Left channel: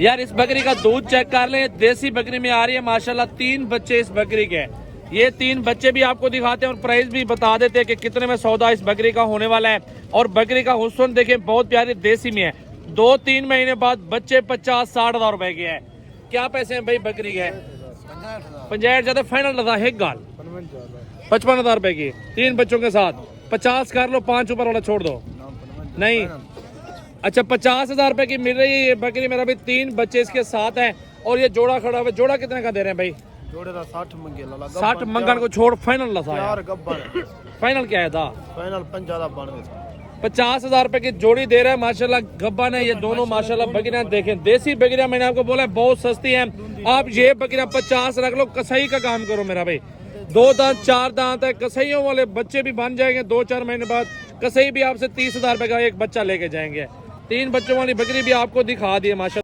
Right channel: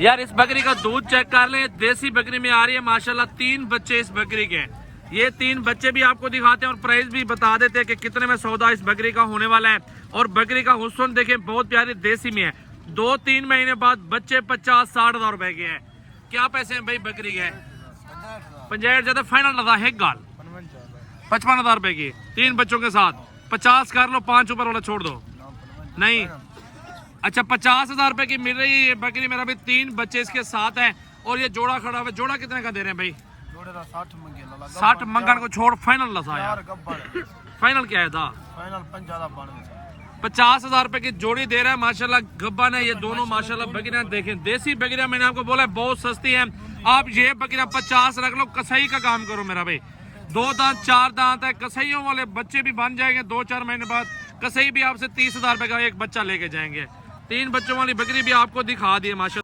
यार इस बकरी का दूध चेक कर ले, देसी बकरी में आ रही है माशाल्लाह। 3 बच्चे इस बकरी के, ये 3 बच्चे भी आपको दिखाते हैं और प्राइस भी बता देते हैं कि कितने में सौदा इस बकरी का होने वाला है। और बकरी का हुस्न देखें, बहुत प्यारी देसी में है। 2-3 महीने बाद बच्चे 50-60 हज़ार रुपए के हैं। क्या पैसे हैं भाई बकरी के? 50 ज्यादा फाइनल लगा है गाल 55 हज़ार रुपए की 3 बच्चों के साथ। 50 कर लो, 5 ऊपर वाला छोड़ दो। नहीं अच्छा, 50 हज़ार रुपए की मिल रही है ये बकरी। मेरा भी 3 बच्चे इसके साथ हैं और ये जोड़ा खड़ा हुआ है। जोड़ा कितने का दे रहे हैं भाई? जोड़े का 60 मंगे 60 मंगन को छोड़ फाइनल लसा यार गब्बर फाइनल क्या है था? फाइनल 50 हज़ार रुपए की जोड़ी दे रहा है माशाल्लाह। गब्बन है ये दोनों माशाल्लाह बकरियां। देखें देसी बकरियां, मैंने आपको बोला है बहुत सस्ती हैं। आप ये बकरियां 50 रख लो, कसाई का काम करो मेरा भाई। 2 दांत 4 दांत है, कसाईयों वाले बच्चे भी बन जाएंगे 2-4 महीने बाद। कसाई भी आपसे 30 हज़ार रुपए का एक बच्चा लेके जाएंगे। 3 बच्चों वाली बकरी भी आपको दिखा दी है माशाल्लाह।